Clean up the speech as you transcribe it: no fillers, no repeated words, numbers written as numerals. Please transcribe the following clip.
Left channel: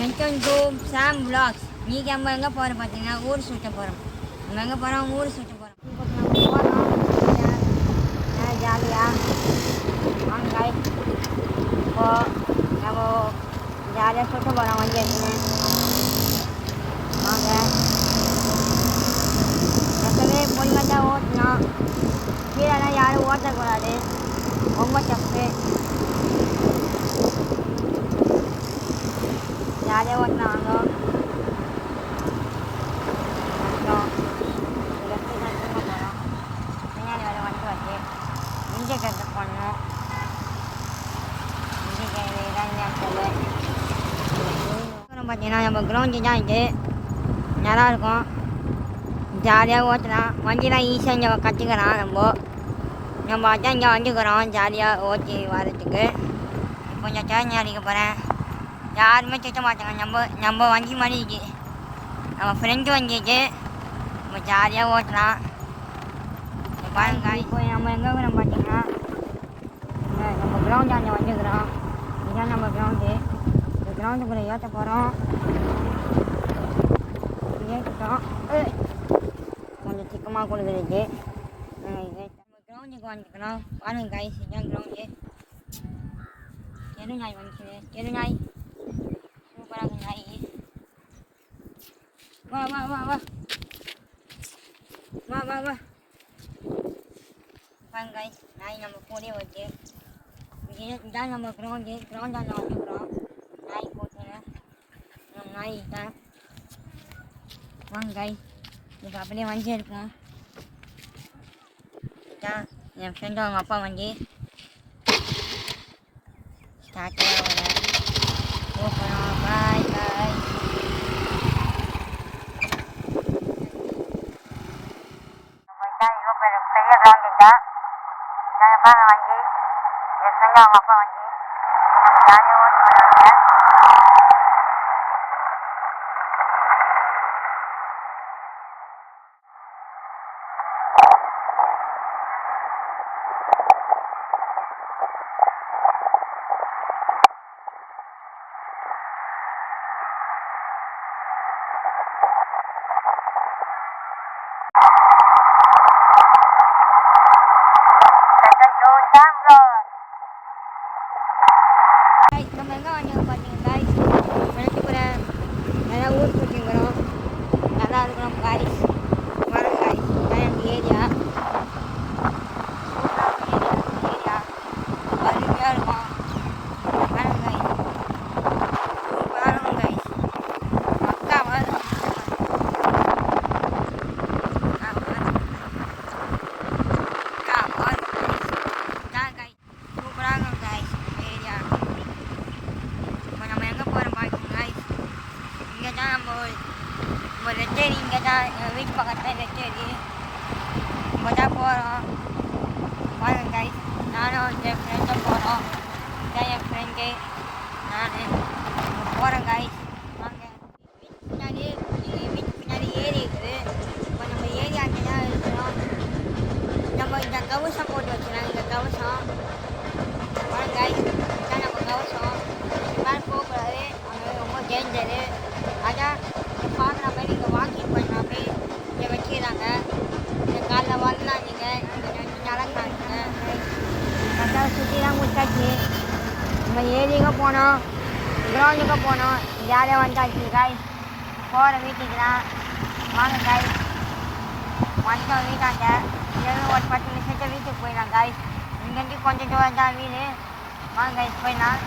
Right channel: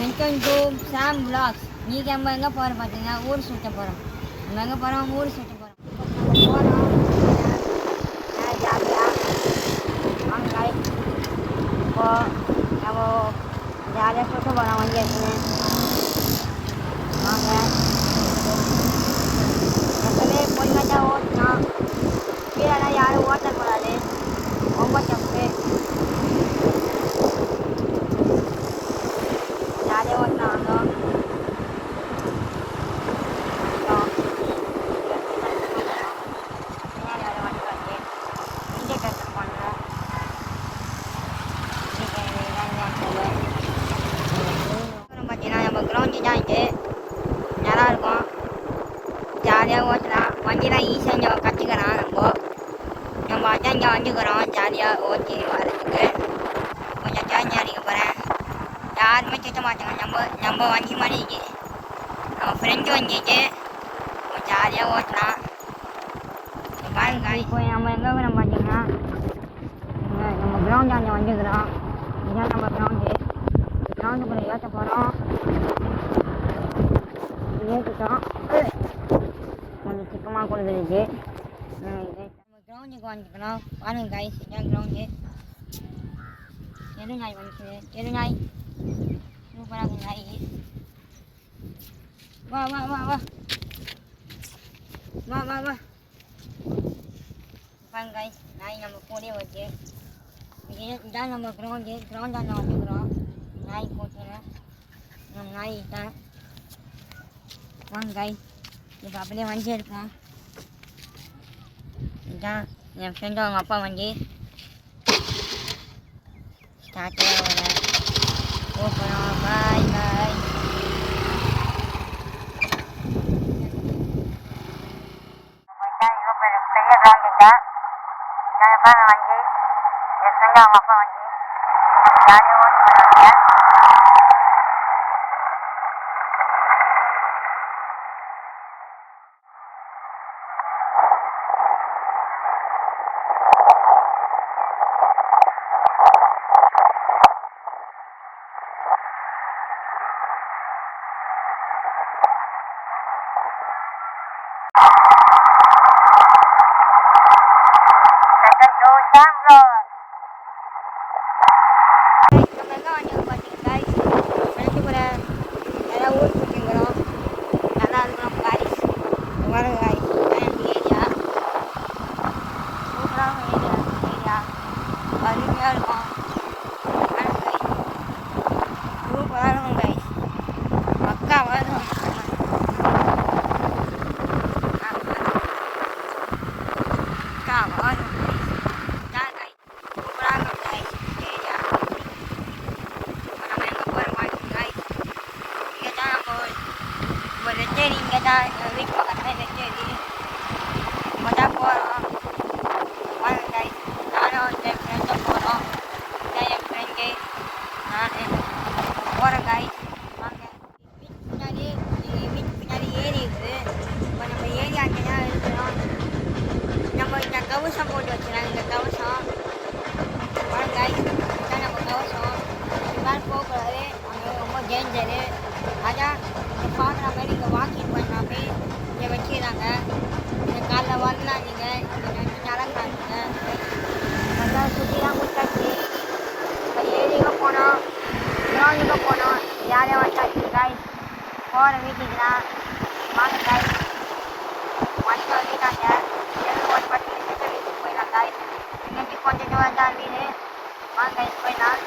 Welcome to Sam vlogs. நீங்கள் நம்ம எங்கே போகிறோம் பார்த்தீங்கன்னா ஊர் சுற்ற போகிறோம். நம்ம எங்கே போகிறோம்? ஊர் சுற்ற போகிறோம். இப்போ நம்ம போகிறோம் ஜாலியாக வாங்க. இப்போது நம்ம ஜாலியாக சுற்ற போகிறோம். வண்டி எடுக்கணும் வாங்க. எப்பவுமே பொண்ணுங்க தான் ஓட்டணும், கீழே யாரும் ஓட்டக்கூடாது, ரொம்ப தப்பு. ஜாலியாக ஓட்டினாங்க. பின்னாடி வர வண்டி வந்து இண்டிகேட்டர் பண்ணணும். பார்த்தீங்கன்னா நம்ம கிரவுண்டு தான் இது நல்லாயிருக்கும், ஜாலியாக ஓட்டலாம். வண்டிலாம் ஈஸியாக இங்கே கற்றுக்கலாம். நம்ம அதான் இங்கே வந்துக்கிறோம் ஜாலியாக ஓட்டி வரதுக்கு. கொஞ்சம் சேஞ்ச் அடிக்க போகிறேன். யாருமே சுத்த மாட்டாங்க. நம்ம வண்டி மாதிரி இருக்கு, நம்ம ஃப்ரெண்டு வண்டிக்கு நம்ம ஜாலியாக ஓட்டலாம். இப்போ நம்ம எங்கே இருக்கிறோம் பார்த்தீங்கன்னா நம்ம கிரவுண்டு அங்கே வந்துக்கிறோம். இதுதான் நம்ம கிரவுண்டு. இந்த கிரவுண்டுக்குள்ளே ஏற்ற போகிறோம். ஏற்றிட்டோம். கொஞ்சம் சிக்கமாக கொடுக்குறது. நம்ம கிரவுண்டுக்கு வந்துக்கிறோம். பாருங்க காய்ஸ், இதுதான் கிரவுண்டு. எருநாய் வந்துச்சு. எருநாய் சூப்பராக நாய். வா வா வா வா வா வா வா. பாருங்க காய்ஸ், நாய் நம்ம கூடயே வச்சு. இதுதான் நம்ம கிரவுண்டாண்ட வந்துக்கிறோம். நாய் கூட்டுன்னு நம்ம நாய் தான். வாங்க காய்ஸ், இது அப்படியே வண்டி இருக்கும். இதுதான் என் ஃப்ரெண்டு அவங்க அப்பா வண்டி. ஸ்டார்ட்டே வர போகிறோம். பாய் பாய். பெரிய கிரவுண்டு தான். நான் பாருங்க வண்டி, என் ஃப்ரெண்டு அவங்க அப்பா வண்டி. ஜாலியாக ஓட்டி போகிறாங்க. நம்ம எங்கே வாங்க பார்த்தீங்கன்னா ஃப்ரெண்டு கூட நல்லா ஊர் சுற்றிங்கிறோம். நல்லா இருக்கிறோம் காய்ஸ். வரும் காய்ஸ், இதுதான் எங்கள் ஏரியா. சூப்பராக ஏரியா அருமையாக இருக்கும். வரும் காய்ஸ், சூப்பராக இருக்கும் காய்ஸ். மக்கா வரும் ரெட்டேரி. இங்கே தான் வீட்டு பக்கத்தில் ரெட்டேரி. இங்கே தான் போகிறோம். வாங்க காய்ஸ், நானும் இந்த ஃப்ரெண்டும் போகிறோம். இதான் என் ஃப்ரெண்டு, நான் போகிறேன் காய்ஸ். வாங்க. வீட்டு பின்னாடி ஏரி இருக்குது. இப்போ நம்ம ஏரியா இருக்கணும். நம்ம இந்த கவசம் போட்டு வச்சுக்கலாம். இந்த கவசம் வாங்க காய்ஸ், இதான் நம்ம கவசம். இதுதான் போகக்கூடாது, அங்கே ரொம்ப டேஞ்சரு. அதான் இங்கே பார்க்குற மாதிரி இங்கே வாக்கிங் பண்ணுறாப்பே இங்கே வைக்கிறாங்க. இந்த காலைல வரலாம், நீங்கள் நடக்கிறாங்க. நல்லா சுற்றி தான் முடிச்சாச்சு. நம்ம ஏரியாவுக்கு போனோம், கிரவுண்டுக்கு போனோம், ஜாலியாக வந்தாச்சு காய்ஸ். போகிற வீட்டுக்கு தான். வாங்க காய்ஸ், வந்துட்டோம் வீட்டாங்க. இங்கேருந்து ஒரு 10 நிமிஷத்துக்கு வீட்டுக்கு போயிடலாம் காய்ஸ். இங்கேருந்து கொஞ்சம் தூரம் தான் வீடு. வாங்க காய்ஸ் போயிடலாம்.